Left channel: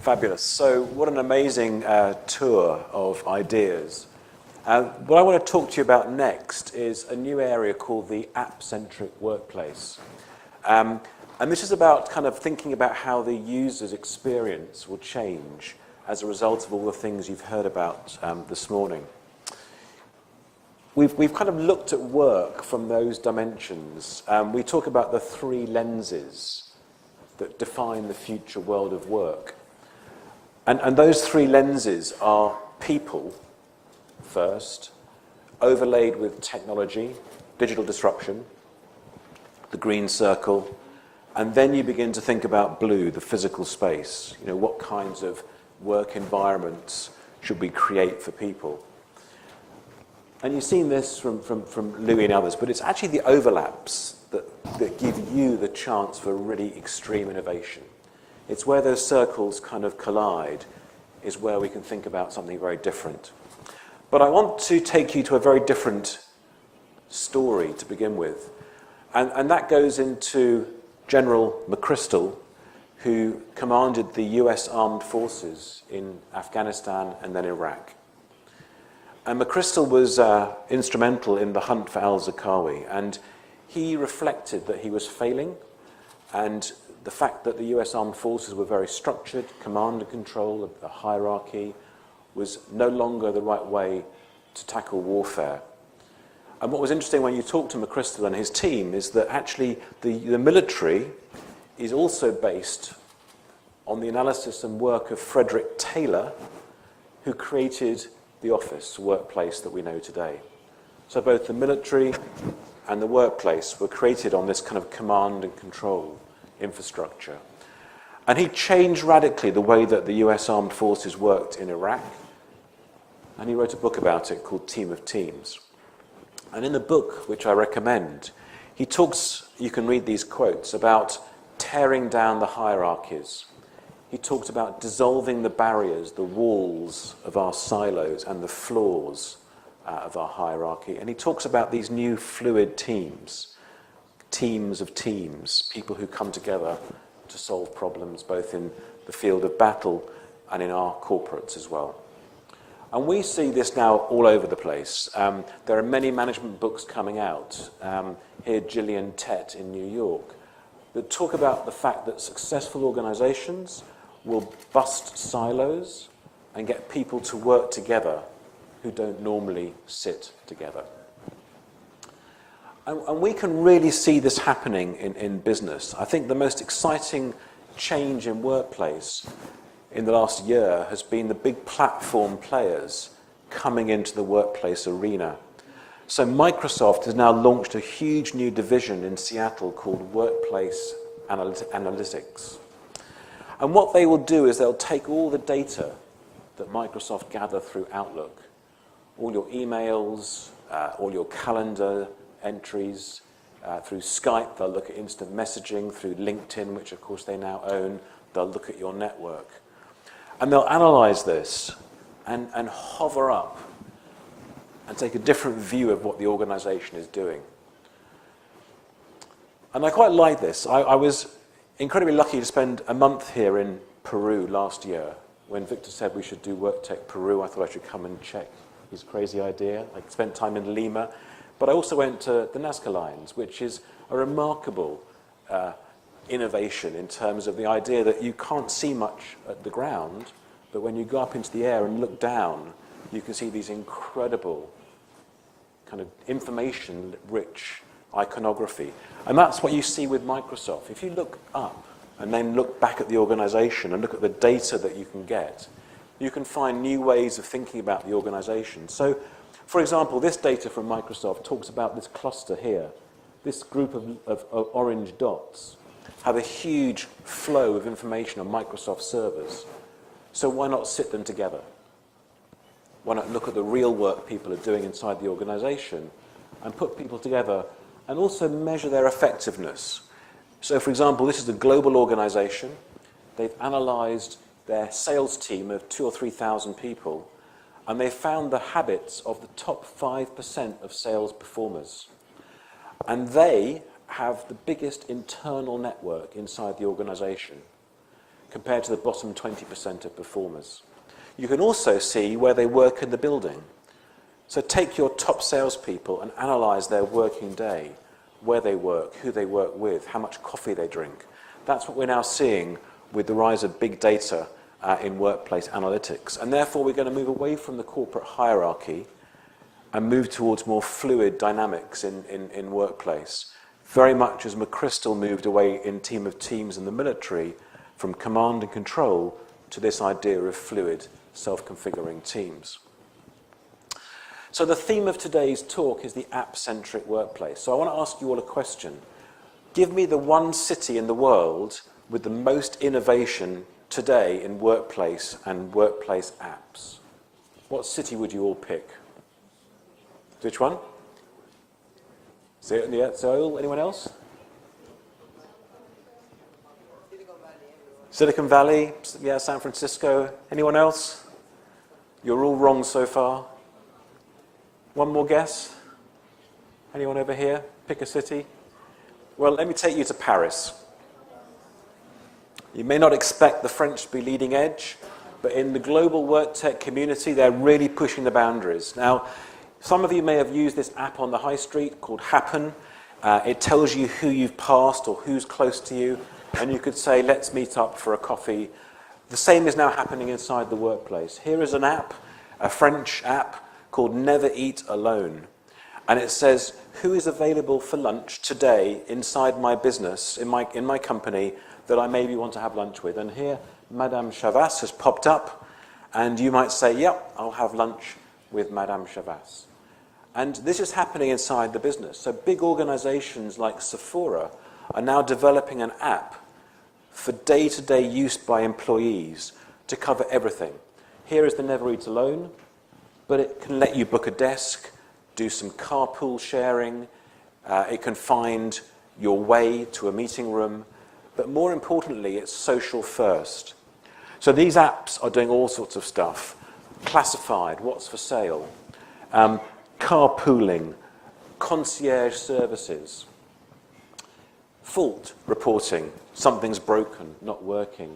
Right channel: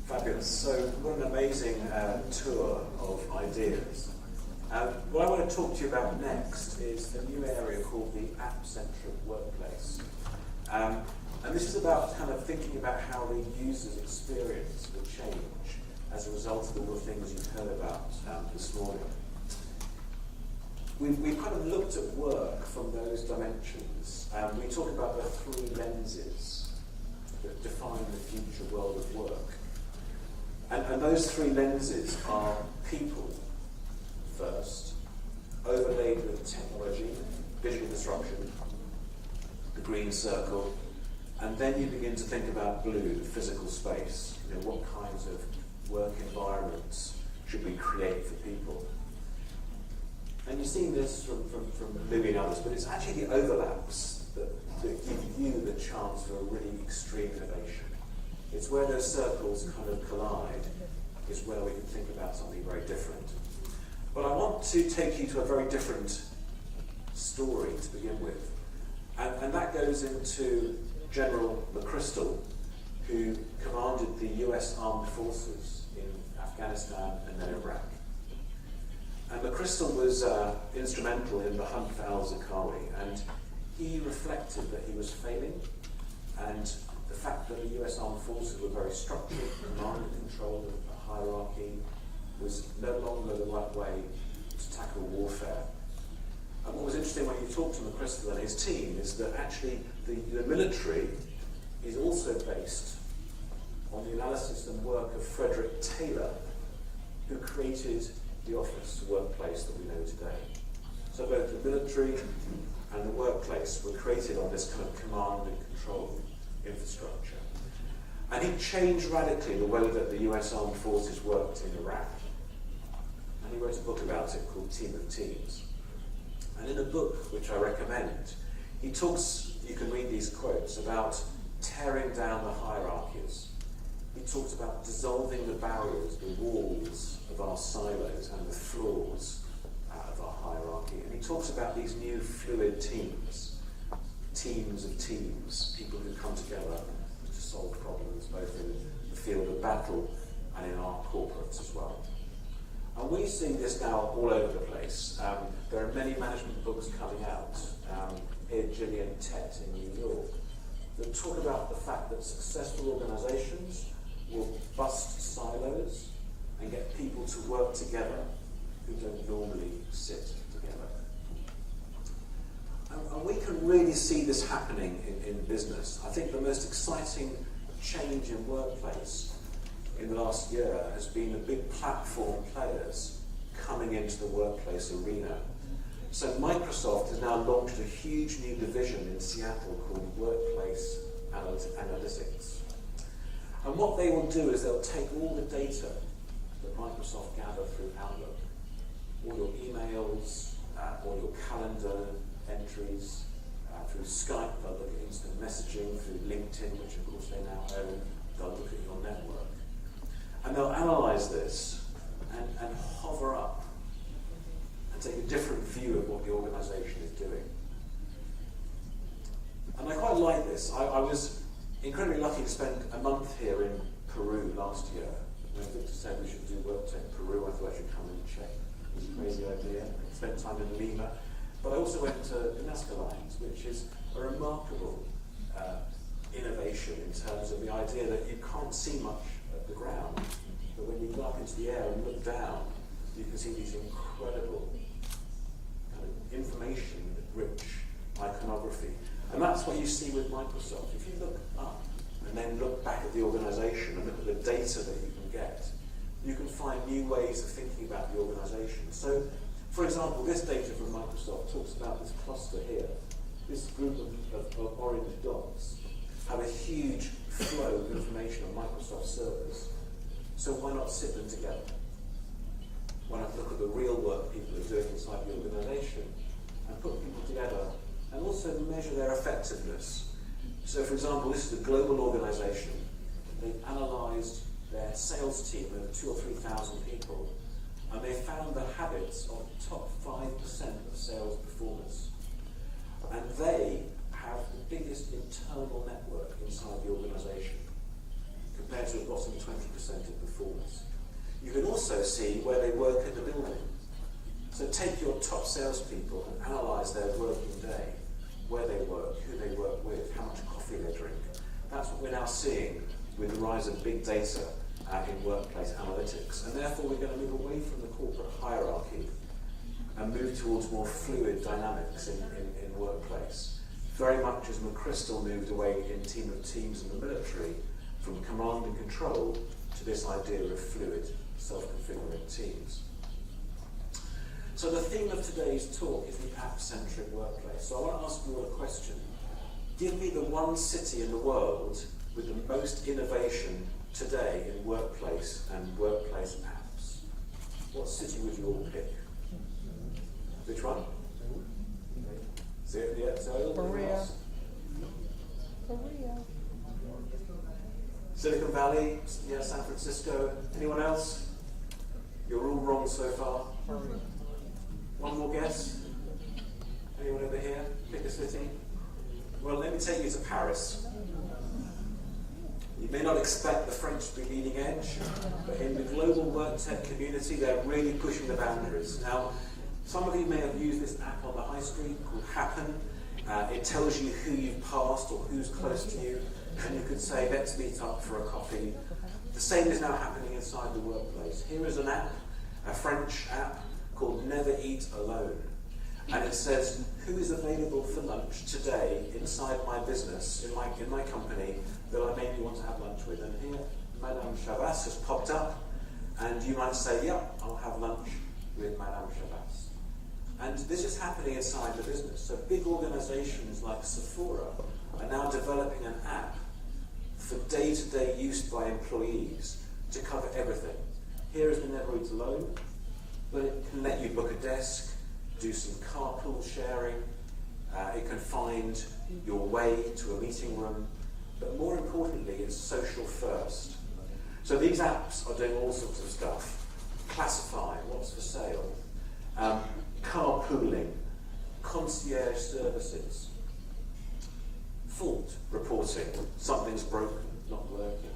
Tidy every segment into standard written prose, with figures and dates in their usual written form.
Fabulous. So what an amazing tour of ideas. What I want to talk to you about next is a new area called the app-centric workplace. And this is about kind of thinking about how the user's experience will change as a result of all the things you've heard about this morning. We've kind of looked at work from those dimensions. We talk about the three lenses that define the future world of work. And those three lenses are people first, overlaid with technology, digital disruption, the green circle, and then you begin to think about blue, the physical space. You know, what kinds of work environments should we create for people? And you've seen this from Louis and others, but it's actually the overlaps that give you the chance for really extreme innovation. It's where those circles kind of collide is where we can think about something very different. But I want to take you to a very different story to begin with. And that goes into General McChrystal, who commanded the US Armed Forces in Afghanistan and then Iraq. And McChrystal was instrumental in the hunt for al-Zarqawi, and he reflected that he was failing, and the fact that the US Armed Forces were very structured, command and control of the hierarchy, was no longer the right way to tackle warfare. And what was interesting when you talk to McChrystal and his team is that actually the military is also based on the analysis and work of Frederick Taylor, who created the office workplace that we know today. So both the military and the workplace were created on this kind of command and control infrastructure. And he changed radically the way that the US Armed Forces worked in Iraq. And he wrote a book about it called Team of Teams. And in the book, which I recommend, he talks, you can read these quotes, about tearing down the hierarchies. He talked about dissolving the barriers, the walls of our silos and the floors of our hierarchy. And he talks about these new fluid teams of teams, people who come together to solve problems, both in the field of battle and in our corporates as well. And we see this now all over the place. There are many management books coming out. Here, Gillian Tett in New York, that talk about the fact that successful organizations will bust silos and get people to work together who don't normally sit together. And we can really see this happening in business. I think the most exciting change in workplace in the last year has been the big platform players coming into the workplace arena. So Microsoft has now launched a huge new division in Seattle called Workplace Analytics. And what they will do is they'll take all the data that Microsoft gather through Outlook, all your emails, all your calendar entries, through Skype, they'll look at instant messaging, through LinkedIn, which of course they now own, they'll look at your network. And they'll analyze this and hover up and take a different view of what the organization is doing. And I quite like this. I was incredibly lucky to spend a month here in Peru last year. When Victor said we should do WORKTECH Peru, I thought I should come and check his crazy idea. I spent time in Lima. But I also went to the Nazca Lines, which is a remarkable innovation in terms of the idea that you can't see much at the ground, but when you go up into the air and look down, you can see these incredible kind of information-rich iconography. And that's what you see with Microsoft. If you look up and then look back at the organization and look at the data that you can get, you can find new ways of thinking about the organization. So, for example, this data from Microsoft talks about this cluster here. This group of orange dots have a huge flow of information on Microsoft servers. So why not sit them together? Why not look at the real work people are doing inside the organization and put people together and also measure their effectiveness? So, for example, this is a global organization. They've analyzed their sales team of 2,000 or 3,000 people, and they found the habits of the top 5% of sales performers. And they have the biggest internal network inside the organization. compared to the bottom 20% of performers. You can also see where they work in the building. So take your top salespeople and analyse their working day, where they work, who they work with, how much coffee they drink. That's what we're now seeing with the rise of big data in workplace analytics. And therefore, we're going to move away from the corporate hierarchy and move towards more fluid dynamics in workplace. Very much as McChrystal moved away in Team of Teams in the military from command and control to this idea of fluid, self-configuring teams. So the theme of today's talk is the app-centric workplace. So I want to ask you all a question. Give me the one city in the world with the most innovation today in workplace and workplace apps. What city would you all pick? Which one? Seoul? Anyone else? Silicon Valley? Yeah, San Francisco. Anyone else? You're all wrong so far. One more guess? Anyone over here? Pick a city. Well, let me take you to Paris. You may not expect the French to be leading edge, but in the global WORKTECH community, they're really pushing the boundaries. Now, some of you may have used this app on the high street called Happen. It tells you who you've passed or who's close to you, and you could say, let's meet up for a coffee. The same is now happening inside the workplace. Here is an app, a French app called Never Eat Alone. And it says, who is available for lunch today inside my business, in my company, that I maybe want to have lunch with. And here, Madame Chavas has popped up, and you might say, yep, I'll have lunch with Madame Chavas. And this is happening inside the business. So big organizations like Sephora are now developing an app for day-to-day use by employees to cover everything. Here is the Never Eat Alone, but it can let you book a desk, do some carpool sharing, it can find your way to a meeting room, but more importantly, it's social first. So these apps are doing all sorts of stuff. Classified, what's for sale, carpooling, concierge services, fault reporting, something's broken, not working.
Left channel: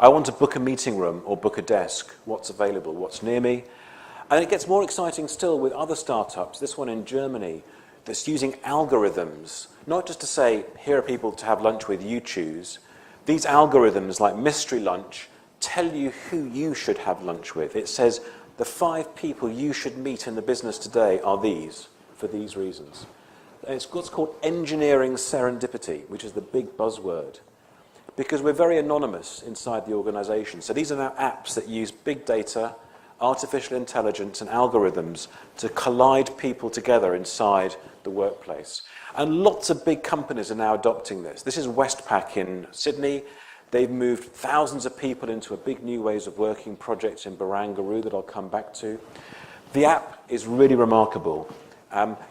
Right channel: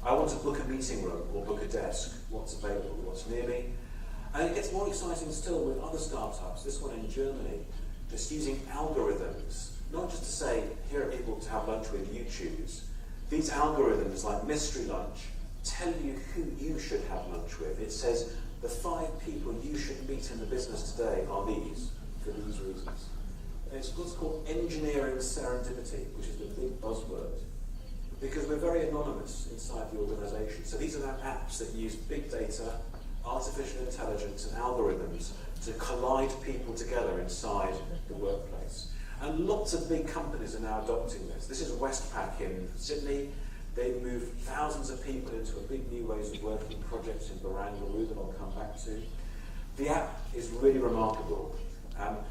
I want to book a meeting room or book a desk, what's available, what's near me. And it gets more exciting still with other startups, this one in Germany, that's using algorithms, not just to say, here are people to have lunch with, you choose. These algorithms, like Mystery Lunch, tell you who you should have lunch with. It says, the 5 people you should meet in the business today are these, for these reasons. And it's what's called engineering serendipity, which is the big buzzword, because we're very anonymous inside the organization. So these are now apps that use big data, artificial intelligence, and algorithms to collide people together inside the workplace. And lots of big companies are now adopting this. This is Westpac in Sydney. They've moved thousands of people into a big new ways of working project in Barangaroo that I'll come back to. The app is really remarkable.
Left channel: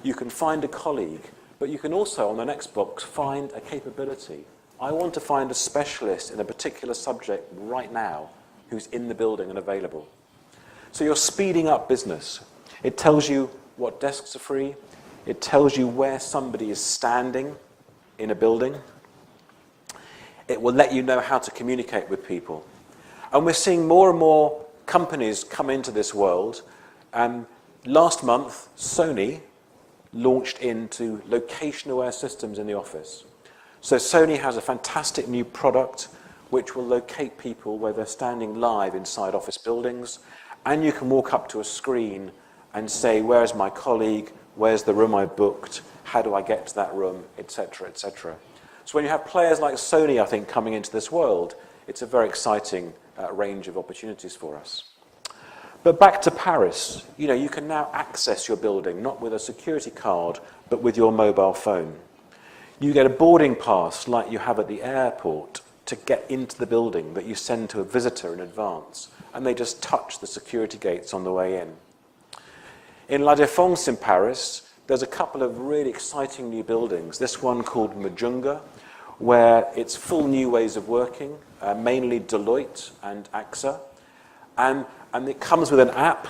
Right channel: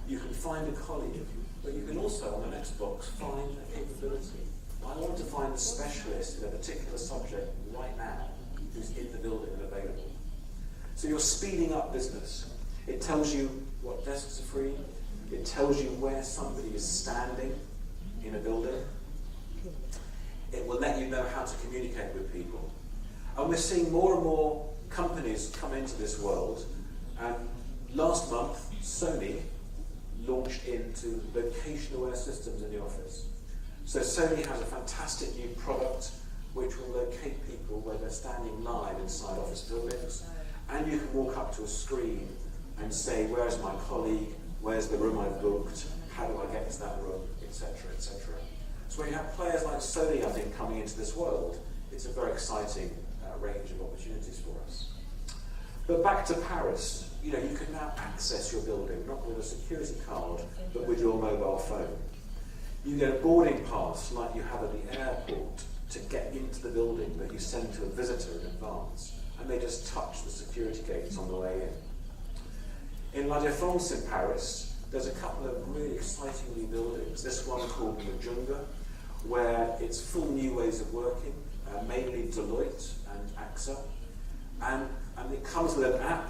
You can find a colleague, but you can also, on the next box, find a capability. I want to find a specialist in a particular subject right now who's in the building and available. So you're speeding up business. It tells you what desks are free. It tells you where somebody is standing in a building. It will let you know how to communicate with people. And we're seeing more and more companies come into this world. Last month, Sony launched into location-aware systems in the office. So Sony has a fantastic new product which will locate people where they're standing live inside office buildings. And you can walk up to a screen and say, where's my colleague? Where's the room I booked? How do I get to that room? Etc., etc. So when you have players like Sony, I think, coming into this world, it's a very exciting range of opportunities for us. But back to Paris, you can now access your building, not with a security card, but with your mobile phone. You get a boarding pass like you have at the airport to get into the building that you send to a visitor in advance, and they just touch the security gates on the way in. In La Défense in Paris, there's a couple of really exciting new buildings. This one called Majunga, where it's full new ways of working, mainly Deloitte and AXA. And it comes with an app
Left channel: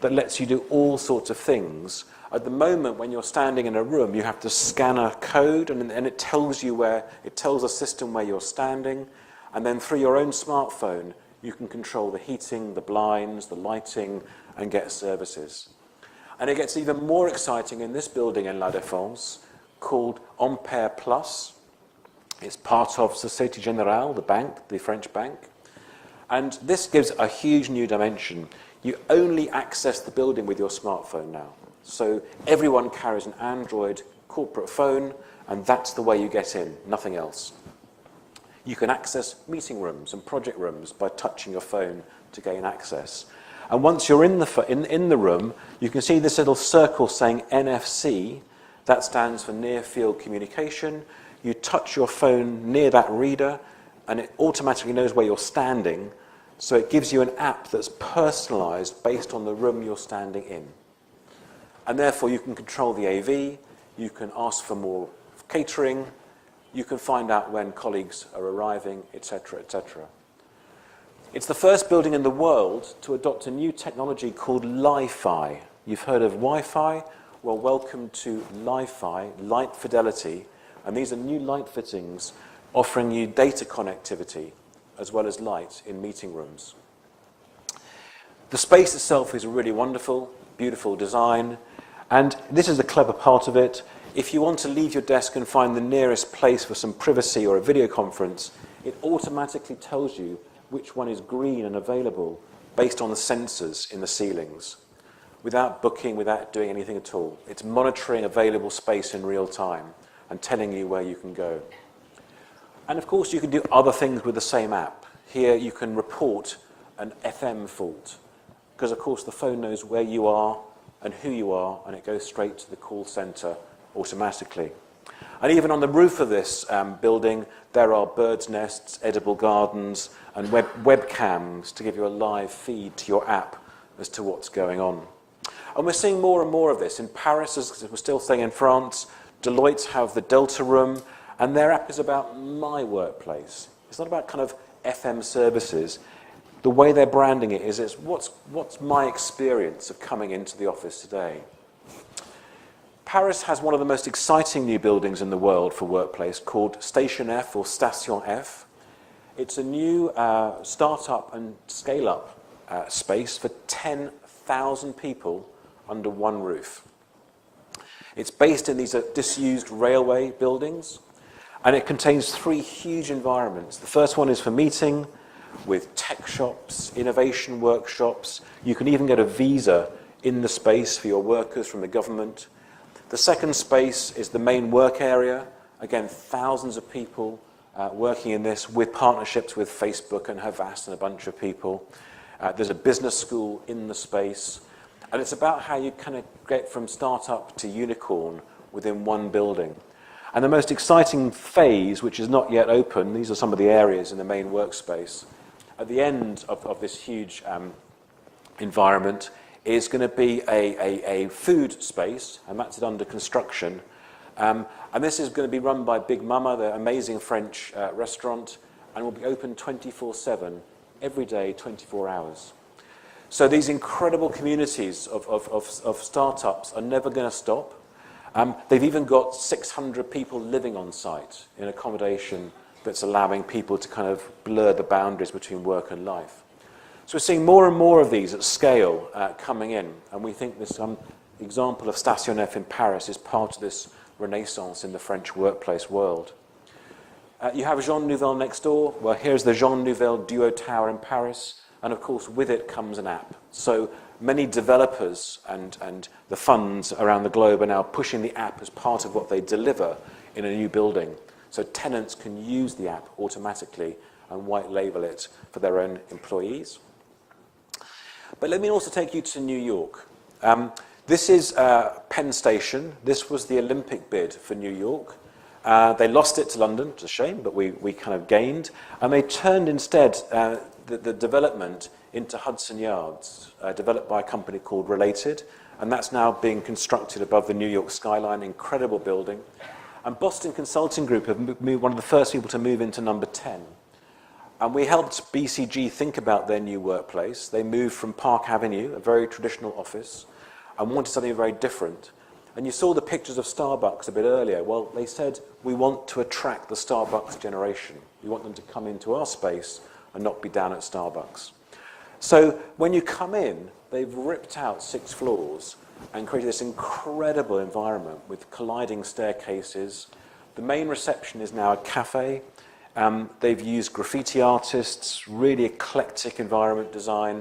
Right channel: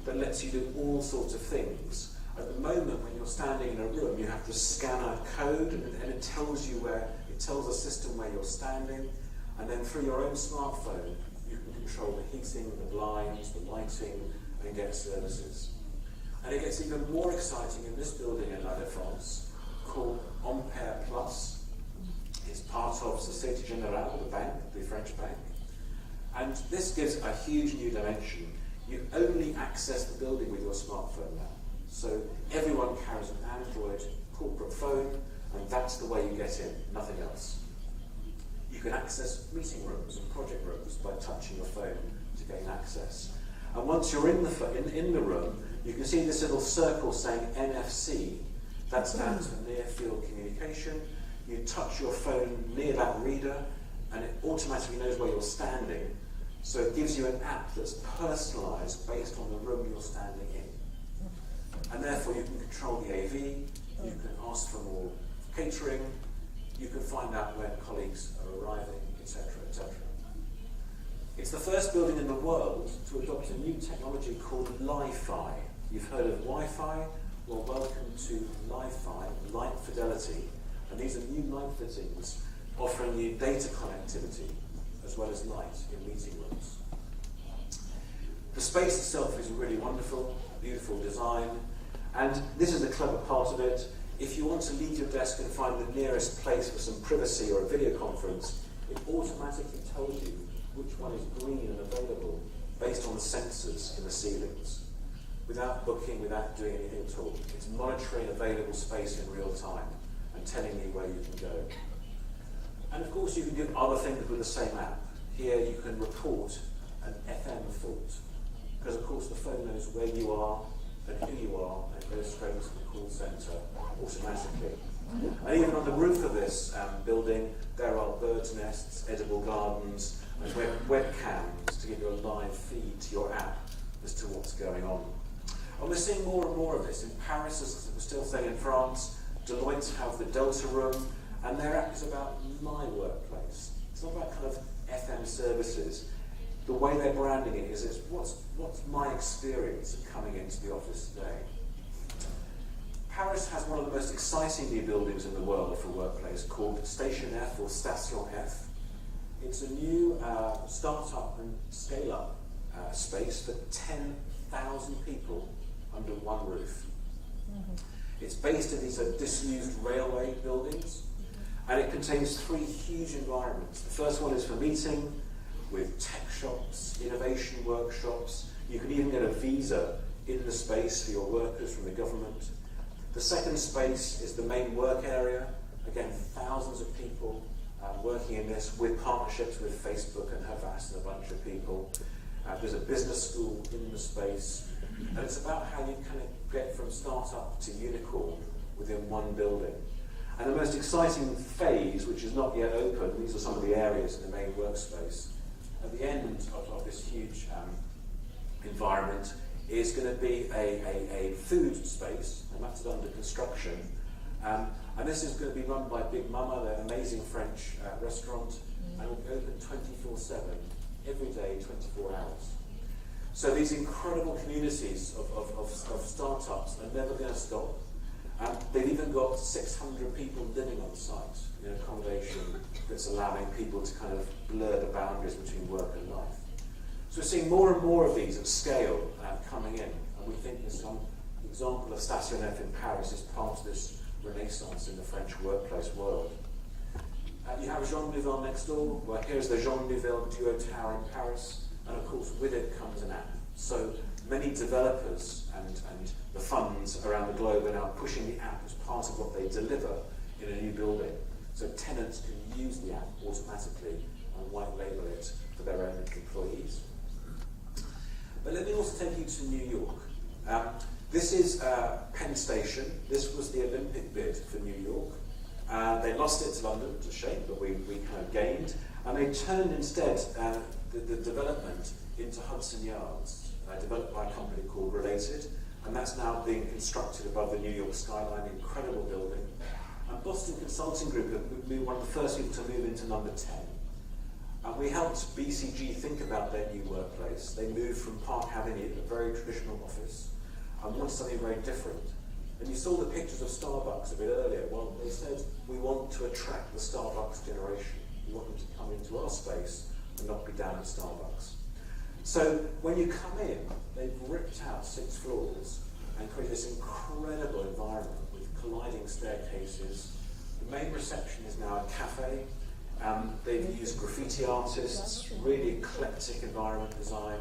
that lets you do all sorts of things. At the moment, when you're standing in a room, you have to scan a code, and it tells you it tells the system where you're standing. And then through your own smartphone, you can control the heating, the blinds, the lighting, and get services. And it gets even more exciting in this building in La Défense, called Ampère Plus. It's part of Société Générale, the bank, the French bank. And this gives a huge new dimension. You only access the building with your smartphone now. So everyone carries an Android corporate phone, and that's the way you get in, nothing else. You can access meeting rooms and project rooms by touching your phone to gain access. And once you're in the room, you can see this little circle saying NFC. That stands for near field communication. You touch your phone near that reader, and it automatically knows where you're standing. So it gives you an app that's personalized based on the room you're standing in. And therefore you can control the AV, you can ask for more catering, you can find out when colleagues are arriving, etc., etc. It's the first building in the world to adopt a new technology called Li-Fi. You've heard of Wi-Fi? Well, welcome to Li-Fi, light fidelity. And these are new light fittings offering you data connectivity as well as light in meeting rooms. The space itself is really wonderful, beautiful design. And this is the clever part of it. If you want to leave your desk and find the nearest place for some privacy or a video conference, it automatically tells you which one is green and available based on the sensors in the ceilings. Without booking, without doing anything at all. It's monitoring available space in real time and telling you where you can go. And of course you can do other things with the same app. Here you can report an FM fault, because of course the phone knows where you are and who you are, and it goes straight to the call center automatically. And even on the roof of this building, there are birds' nests, edible gardens, and webcams to give you a live feed to your app as to what's going on. And we're seeing more and more of this. In Paris, as we're still staying in France, Deloitte have the Delta Room, and their app is about my workplace. It's not about kind of FM services. The way they're branding it is what's my experience of coming into the office today. Paris has one of the most exciting new buildings in the world for workplace called Station F or Station F. It's a new start-up and scale-up space for 10,000 people under one roof. It's based in these disused railway buildings, and it contains 3 huge environments. The first one is for meeting, with tech shops, innovation workshops. You can even get a visa in the space for your workers from the government. The second space is the main work area. Again, thousands of people working in this with partnerships with Facebook and Havas and a bunch of people. There's a business school in the space. And it's about how you kind of get from startup to unicorn within one building. And the most exciting phase, which is not yet open, these are some of the areas in the main workspace. At the end of this huge environment is going to be a food space, and that's under construction. And this is going to be run by Big Mama, the amazing French restaurant, and will be open 24/7, every day, 24 hours. So these incredible communities of startups are never going to stop. They've even got 600 people living on site in accommodation that's allowing people to kind of blur the boundaries between work and life. So we're seeing more and more of these at scale coming in, and we think this example of Station F in Paris is part of this renaissance in the French workplace world. You have Jean Nouvel next door. Well, here's the Jean Nouvel Duo Tower in Paris, and of course with it comes an app. So many developers and the funds around the globe are now pushing the app as part of what they deliver in a new building. So tenants can use the app automatically and white label it for their own employees. But let me also take you to New York. This is Penn Station. This was the Olympic bid for New York. They lost it to London, it's a shame, but we kind of gained. And they turned instead the development into Hudson Yards, developed by a company called Related. And that's now being constructed above the New York skyline, incredible building. And Boston Consulting Group have moved, one of the first people to move into number 10. And we helped BCG think about their new workplace. They moved from Park Avenue, a very traditional office, and wanted something very different. And you saw the pictures of Starbucks a bit earlier. Well, they said, we want to attract the Starbucks generation. We want them to come into our space and not be down at Starbucks. So when you come in, they've ripped out 6 floors and created this incredible environment with colliding staircases. The main reception is now a cafe. They've used graffiti artists, really eclectic environment design.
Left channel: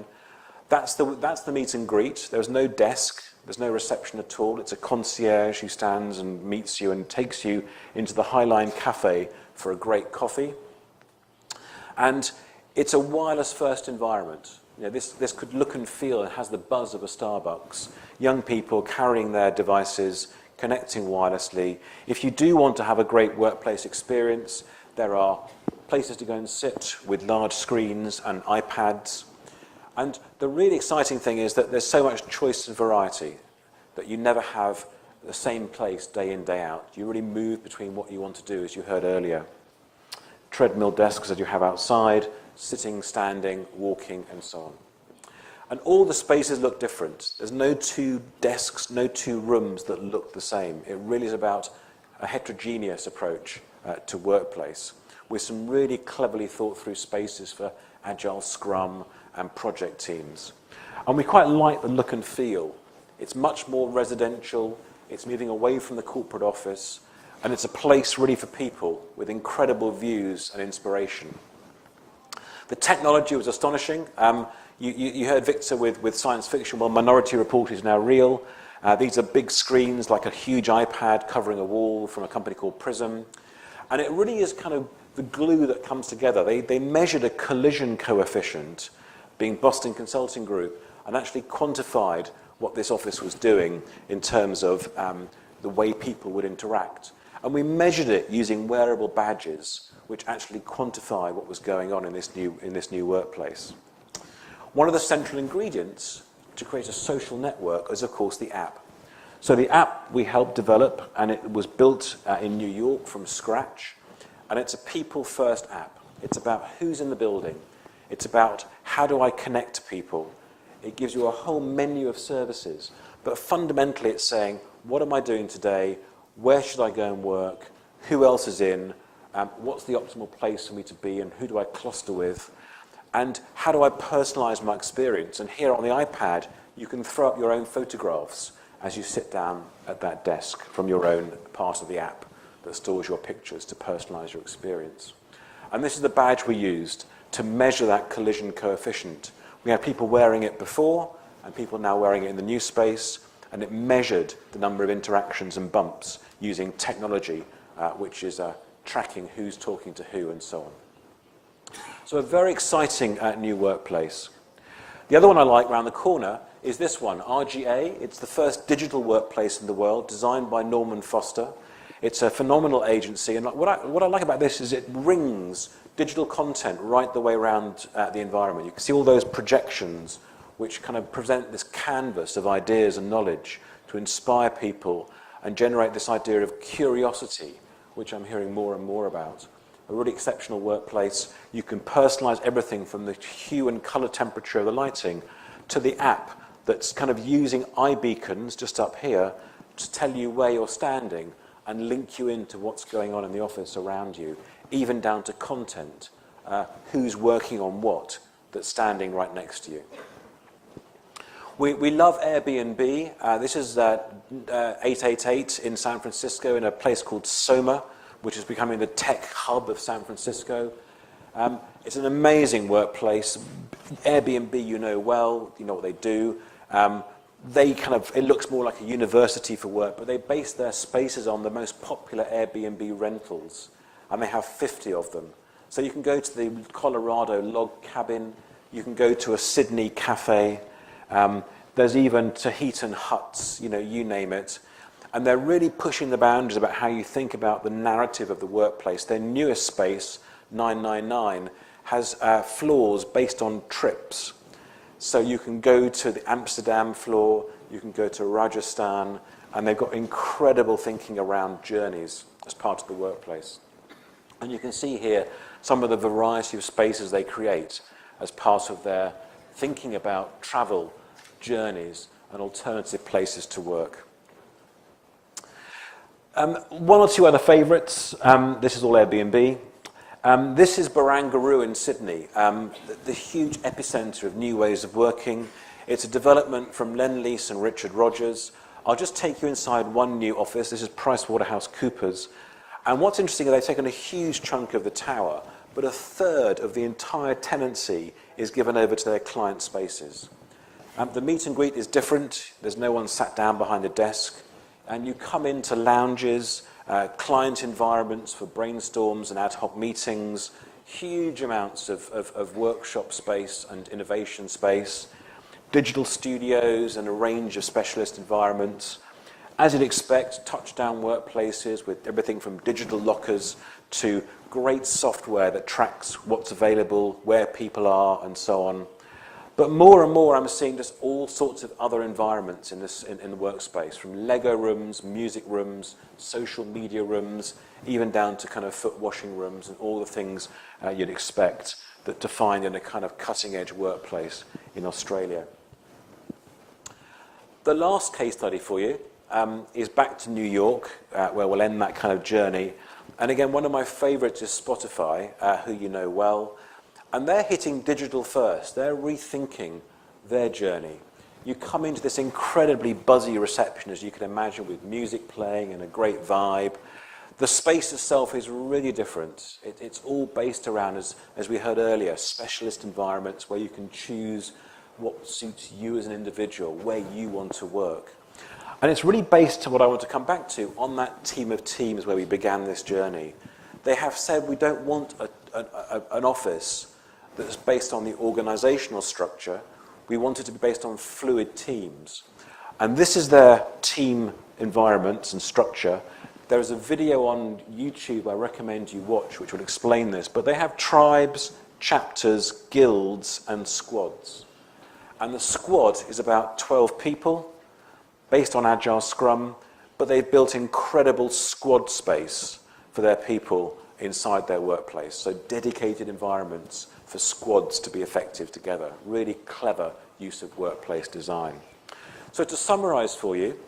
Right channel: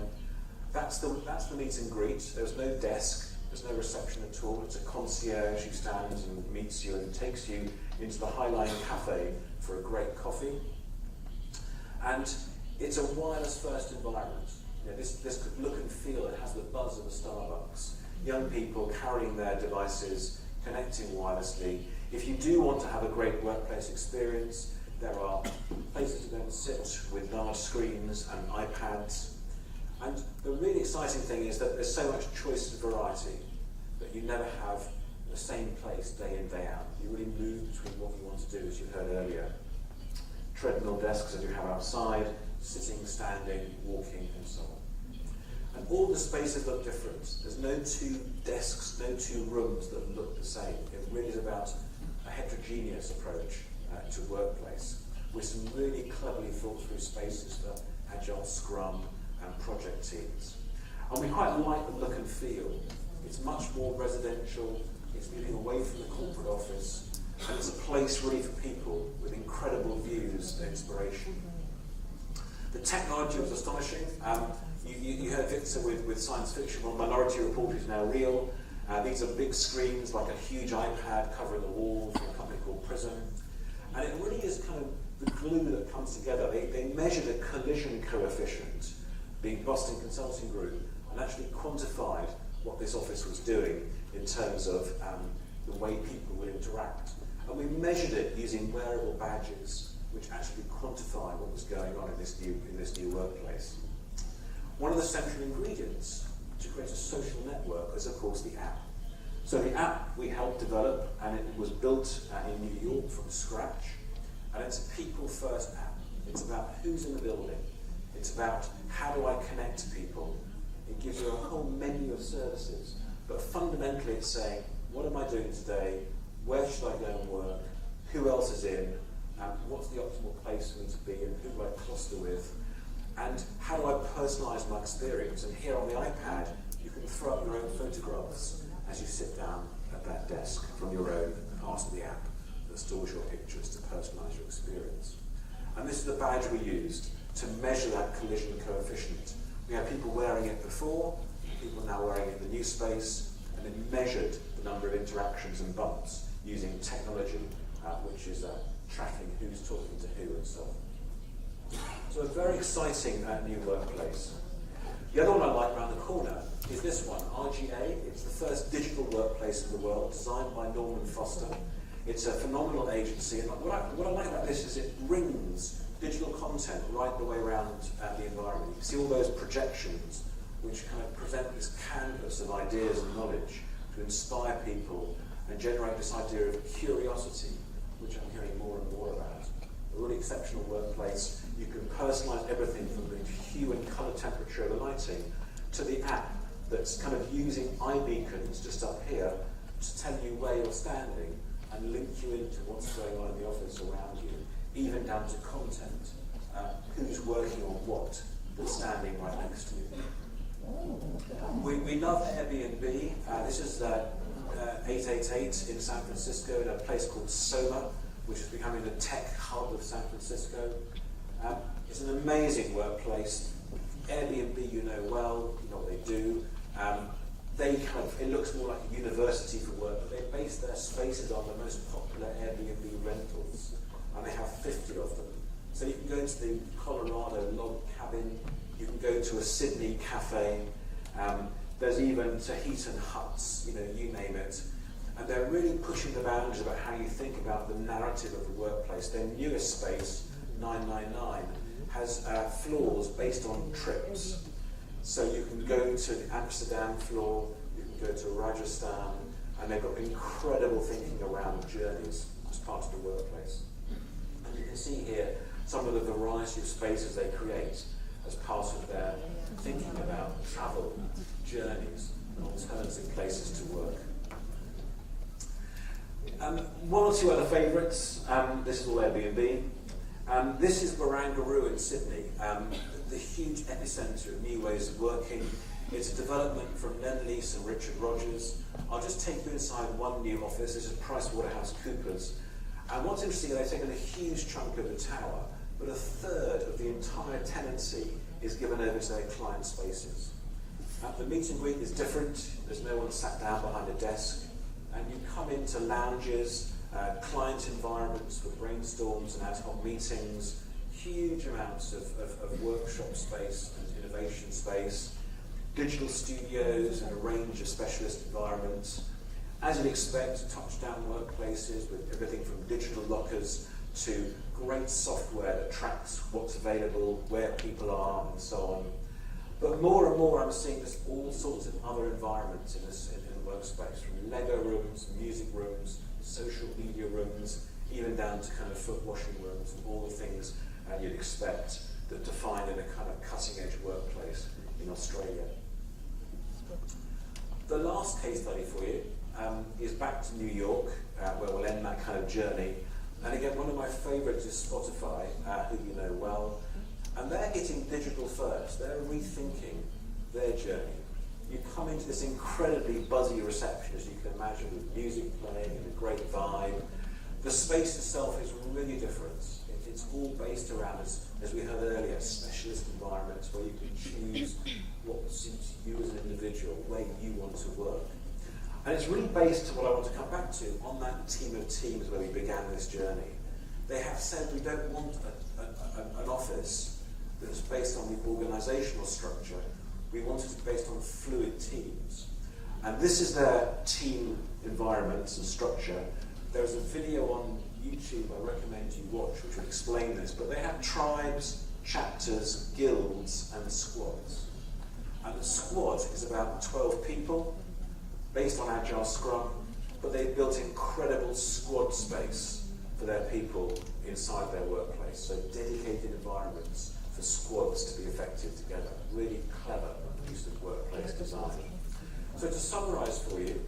That's the meet and greet. There's no desk, there's no reception at all. It's a concierge who stands and meets you and takes you into the Highline Cafe for a great coffee. And it's a wireless first environment. You know, this could look and feel, it has the buzz of a Starbucks. Young people carrying their devices, connecting wirelessly. If you do want to have a great workplace experience, there are places to go and sit with large screens and iPads. And the really exciting thing is that there's so much choice and variety that you never have the same place day in, day out. You really move between what you want to do, as you heard earlier. Treadmill desks that you have outside, sitting, standing, walking, and so on. And all the spaces look different. There's no 2 desks, no 2 rooms that look the same. It really is about a heterogeneous approach to workplace, with some really cleverly thought through spaces for agile scrum and project teams. And we quite like the look and feel. It's much more residential, it's moving away from the corporate office, and it's a place really for people with incredible views and inspiration. The technology was astonishing. You heard Victor with science fiction. Well, Minority Report is now real. These are big screens, like a huge iPad covering a wall from a company called Prism. And it really is kind of the glue that comes together. They measured a collision coefficient, being Boston Consulting Group, and actually quantified what this office was doing in terms of the way people would interact. And we measured it using wearable badges, which actually quantify what was going on in this new workplace. One of the central ingredients to create a social network is, of course, the app. So the app we helped develop, and it was built in New York from scratch, and it's a people-first app. It's about who's in the building. It's about how do I connect to people. It gives you a whole menu of services, but fundamentally it's saying, what am I doing today? Where should I go and work? Who else is in? What's the optimal place for me to be, and who do I cluster with? And how do I personalize my experience? And here on the iPad, you can throw up your own photographs as you sit down at that desk from your own part of the app that stores your pictures to personalize your experience. And this is the badge we used to measure that collision coefficient. We had people wearing it before, and people now wearing it in the new space, and it measured the number of interactions and bumps using technology, which is tracking who's talking to who and so on. So a very exciting new workplace. The other one I like around the corner is this one, RGA. It's the first digital workplace in the world, designed by Norman Foster. It's a phenomenal agency, and what I like about this is it rings digital content right the way around the environment. You can see all those projections which kind of present this canvas of ideas and knowledge to inspire people and generate this idea of curiosity, which I'm hearing more and more about. A really exceptional workplace. You can personalize everything from the hue and color temperature of the lighting to the app that's kind of using iBeacons just up here to tell you where you're standing and link you into what's going on in the office around you, even down to content, who's working on what that's standing right next to you. We love Airbnb. This is 888 in San Francisco in a place called Soma, which is becoming the tech hub of San Francisco. It's an amazing workplace. Airbnb you know well, you know what they do. It looks more like a university for work, but they base their spaces on the most popular Airbnb rentals, and they have 50 of them. So you can go to the Colorado log cabin, you can go to a Sydney cafe, there's even Tahitian huts, you name it. And they're really pushing the boundaries about how you think about the narrative of the workplace. Their newest space, 999, has floors based on trips. So you can go to the Amsterdam floor, you can go to Rajasthan, and they've got incredible thinking around journeys as part of the workplace. And you can see here some of the variety of spaces they create as part of their thinking about travel, journeys, and alternative places to work. One or two other favourites. This is all Airbnb. This is Barangaroo in Sydney, the huge epicentre of new ways of working. It's a development from Len Leese and Richard Rogers. I'll just take you inside one new office. This is PricewaterhouseCoopers. And what's interesting is they've taken a huge chunk of the tower, but a third of the entire tenancy is given over to their client spaces. The meet and greet is different. There's no one sat down behind a desk. And you come into lounges, client environments for brainstorms and ad hoc meetings, huge amounts of workshop space and innovation space, digital studios and a range of specialist environments. As you'd expect, touchdown workplaces with everything from digital lockers to great software that tracks what's available, where people are, and so on. But more and more I'm seeing just all sorts of other environments in the workspace, from Lego rooms, music rooms, social media rooms, even down to kind of foot washing rooms and all the things you'd expect that define in a kind of cutting edge workplace in Australia. The last case study for you is back to New York, where we'll end that kind of journey. And again, one of my favorites is Spotify, who you know well. And they're hitting digital first. They're rethinking their journey. You come into this incredibly buzzy reception, as you can imagine, with music playing and a great vibe. The space itself is really different. It's all based around, as we heard earlier, specialist environments where you can choose what suits you as an individual, where you want to work. And it's really based on what I want to come back to, on that team of teams where we began this journey. They have said we don't want an office that's based on the organizational structure. We want it to be based on fluid teams. And this is their team environment and structure. There is a video on YouTube I recommend you watch which will explain this, but they have tribes, chapters, guilds, and squads. And the squad is about 12 people, based on Agile Scrum, but they've built incredible squad space for their people inside their workplace. So dedicated environments for squads to be effective together. Really clever use of workplace design. So to summarize for you,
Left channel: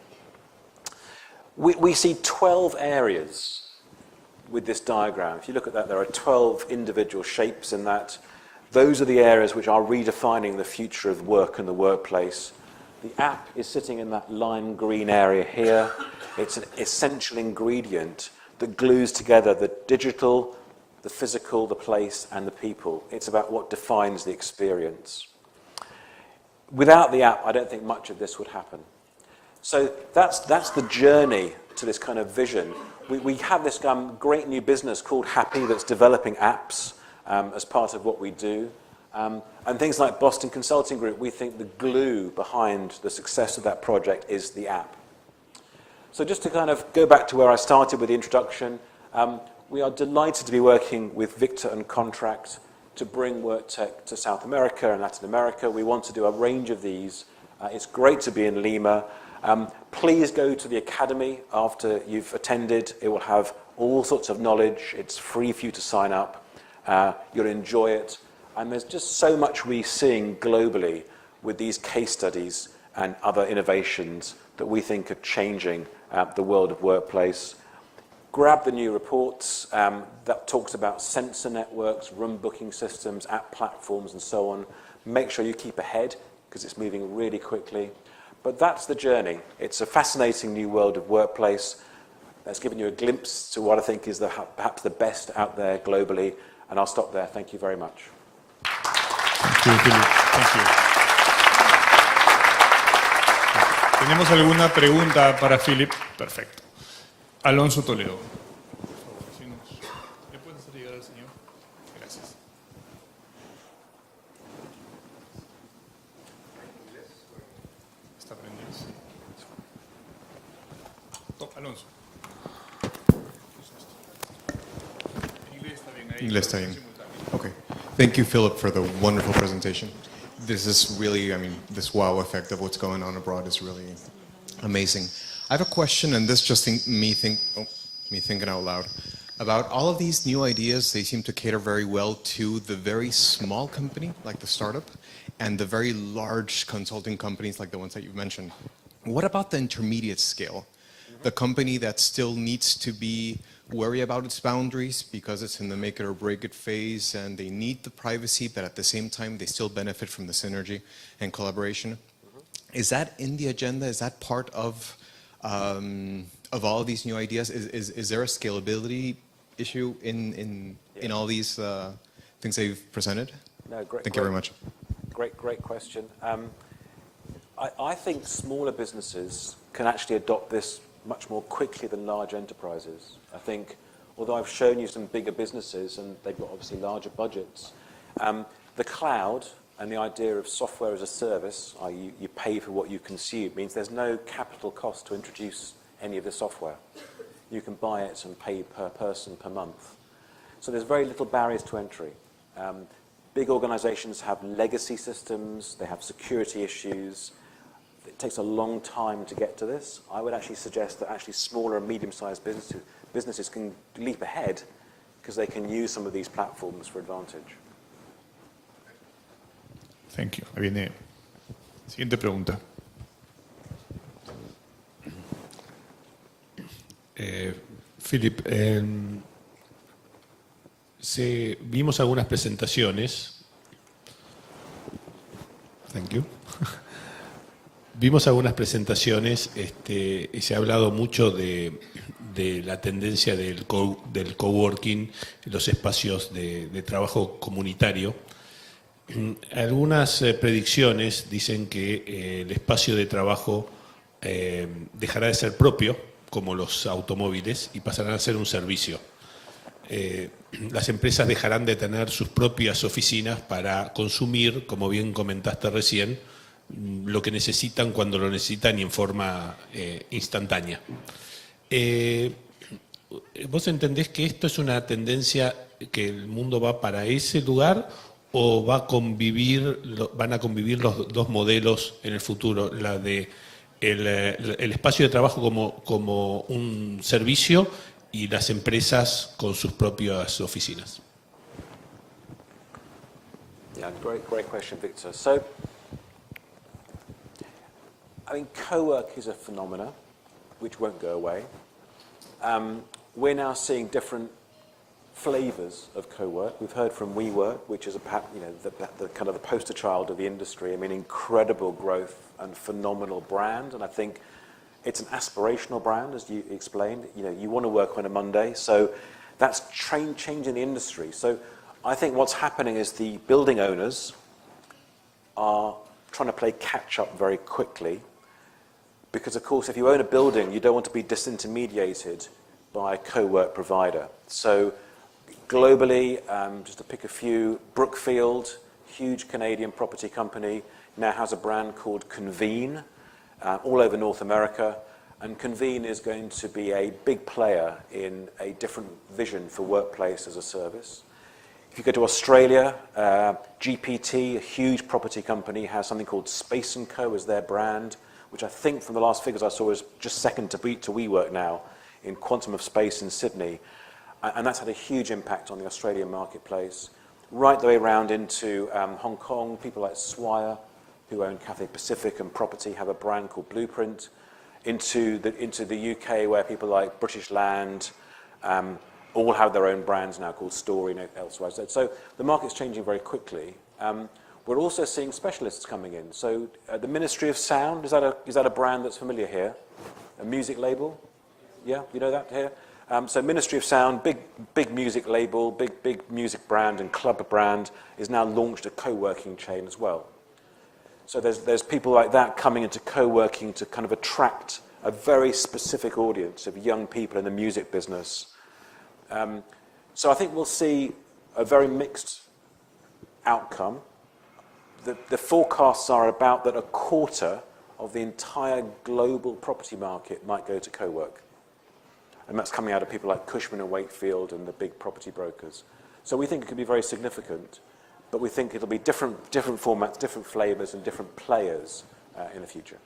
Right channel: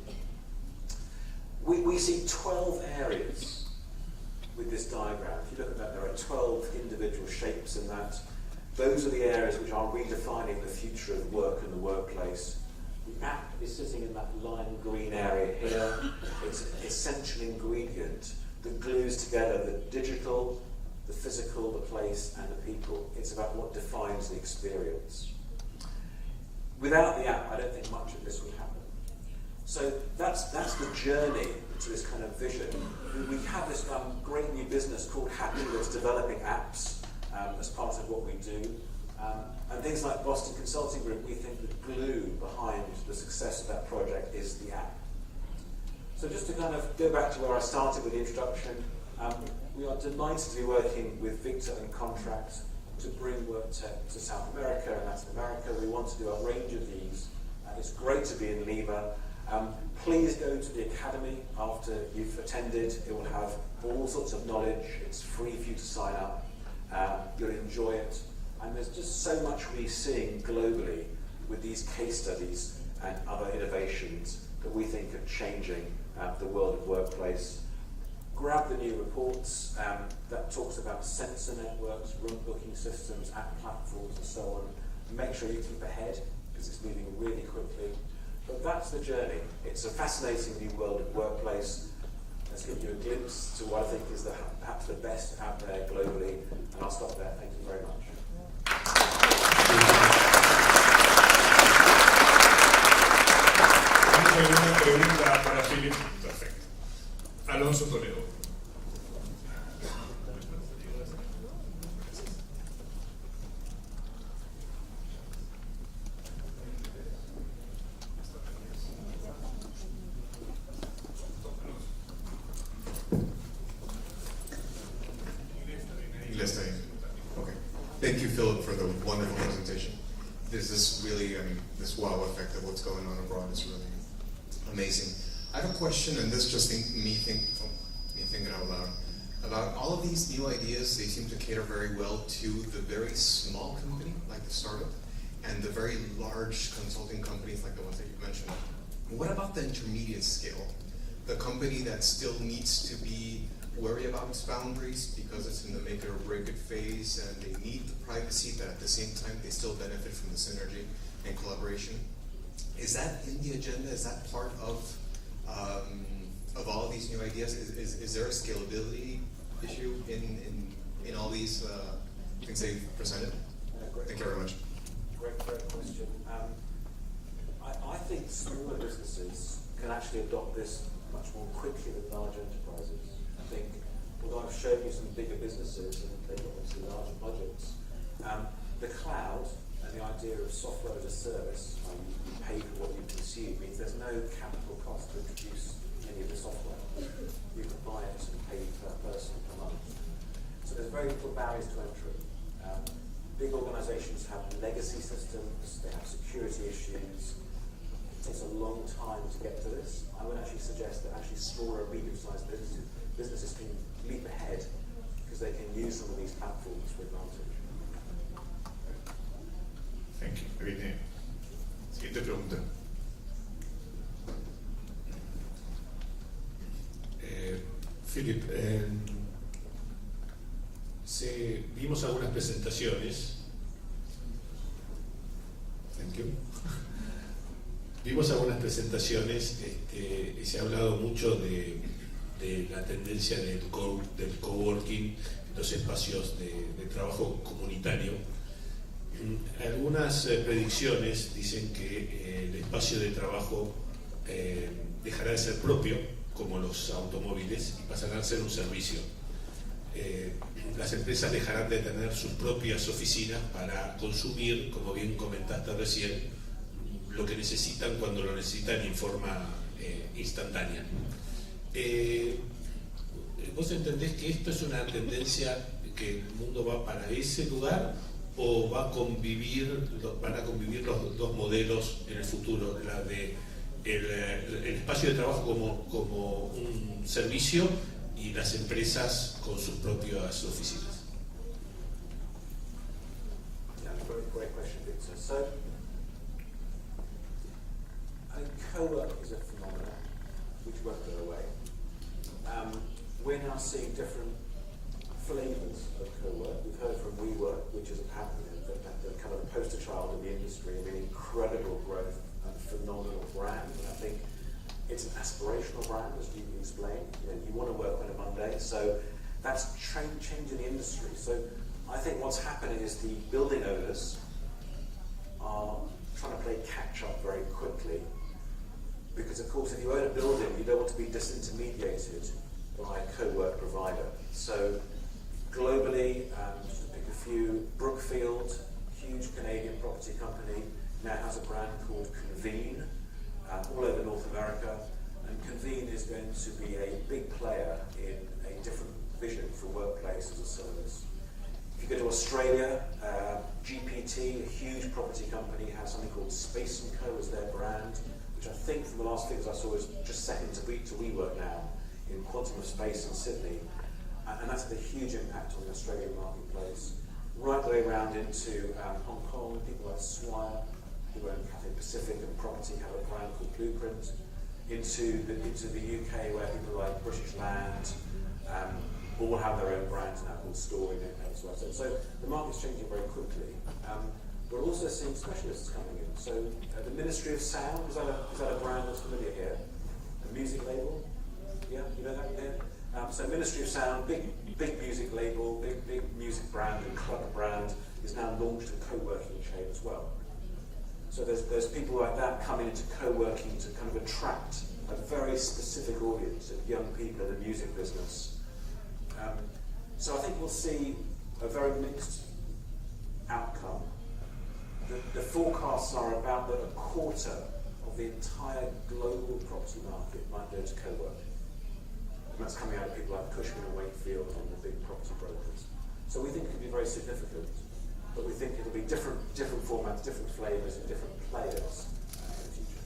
we see 12 areas with this diagram. If you look at that, there are 12 individual shapes in that. Those are the areas which are redefining the future of work and the workplace. The app is sitting in that lime green area here. It's an essential ingredient that glues together the digital, the physical, the place, and the people. It's about what defines the experience. Without the app, I don't think much of this would happen. So that's the journey to this kind of vision. We have this great new business called Happy that's developing apps as part of what we do. And things like Boston Consulting Group, we think the glue behind the success of that project is the app. So just to kind of go back to where I started with the introduction, we are delighted to be working with Victor and Contract to bring WORKTECH to South America and Latin America. We want to do a range of these. It's great to be in Lima. Please go to the Academy after you've attended. It will have all sorts of knowledge. It's free for you to sign up. You'll enjoy it. And there's just so much we're seeing globally with these case studies and other innovations that we think are changing the world of workplace. Grab the new reports that talks about sensor networks, room booking systems, app platforms, and so on. Make sure you keep ahead because it's moving really quickly. But that's the journey. It's a fascinating new world of workplace that's given you a glimpse to what I think is perhaps the best out there globally. And I'll stop there. Thank you very much. Thank you. ¿Tenemos alguna pregunta para Philip? Perfecto. Alonso Toledo. ¿Le puedes ayudar al señor? Gracias. ¿Está prendido? Alonso. Inglés está bien. Okay. Thank you, Philip, for the wonderful presentation. This is really, this wow effect of what's going on abroad is really amazing. I have a question, and this just me thinking out loud. About all of these new ideas, they seem to cater very well to the very small company, like the startup, and the very large consulting companies, like the ones that you mentioned. What about the intermediate scale? The company that still needs to be worry about its boundaries because it's in the make it or break it phase, and they need the privacy, but at the same time they still benefit from the synergy and collaboration. Is that in the agenda? Is that part of all these new ideas? Is there a scalability issue in all these things they've presented? No, great. Thank you very much. Great question. I think smaller businesses can actually adopt this much more quickly than large enterprises. I think, although I've shown you some bigger businesses and they've got obviously larger budgets, the cloud and the idea of software as a service, i.e. you pay for what you consume, means there's no capital cost to introduce any of the software. You can buy it and pay per person per month. So there's very little barriers to entry. Big organizations have legacy systems, they have security issues. It takes a long time to get to this. I would actually suggest that actually smaller and medium-sized businesses can leap ahead because they can use some of these platforms for advantage. Thank you. Viene siguiente pregunta. Philip, vimos algunas presentaciones. Thank you. Vimos algunas presentaciones y se ha hablado mucho de la tendencia del coworking, los espacios de trabajo comunitario. Algunas predicciones dicen que el espacio de trabajo dejará de ser propio, como los automóviles, y pasarán a ser un servicio. Las empresas dejarán de tener sus propias oficinas para consumir, como bien comentaste recién, lo que necesitan cuando lo necesitan y en forma instantánea. ¿Vos entendés que esto es una tendencia que el mundo va para ese lugar o van a convivir los dos modelos en el futuro? La de el espacio de trabajo como un servicio y las empresas con sus propias oficinas. Yeah, great question, Victor. So, I mean, co-work is a phenomena which won't go away. We're now seeing different flavors of co-work. We've heard from WeWork, which is the kind of the poster child of the industry. I mean, incredible growth and phenomenal brand, and I think it's an aspirational brand, as you explained. You know, you want to work on a Monday, so that's changing the industry. So I think what's happening is the building owners are trying to play catch up very quickly, because of course if you own a building, you don't want to be disintermediated by a co-work provider. So globally, just to pick a few, Brookfield, huge Canadian property company, now has a brand called Convene, all over North America, and Convene is going to be a big player in a different vision for workplace as a service. If you go to Australia, GPT, a huge property company, has something called Space & Co as their brand, which I think from the last figures I saw is just second to WeWork now in quantum of space in Sydney. And that's had a huge impact on the Australian marketplace. Right the way around into Hong Kong, people like Swire, who own Cathay Pacific and property, have a brand called Blueprint. Into the UK, where people like British Land all have their own brands now called Story and elsewhere. So the market's changing very quickly. We're also seeing specialists coming in. So the Ministry of Sound, is that a brand that's familiar here? A music label? Yeah, you know that here? So Ministry of Sound, big music label, big music brand and club brand, is now launched a co-working chain as well. So there's people like that coming into co-working to kind of attract a very specific audience of young people in the music business. So I think we'll see a very mixed outcome. The forecasts are about that a quarter of the entire global property market might go to co-work. And that's coming out of people like Cushman & Wakefield and the big property brokers. So we think it could be very significant, but we think it'll be different formats, different flavors, and different players in the future.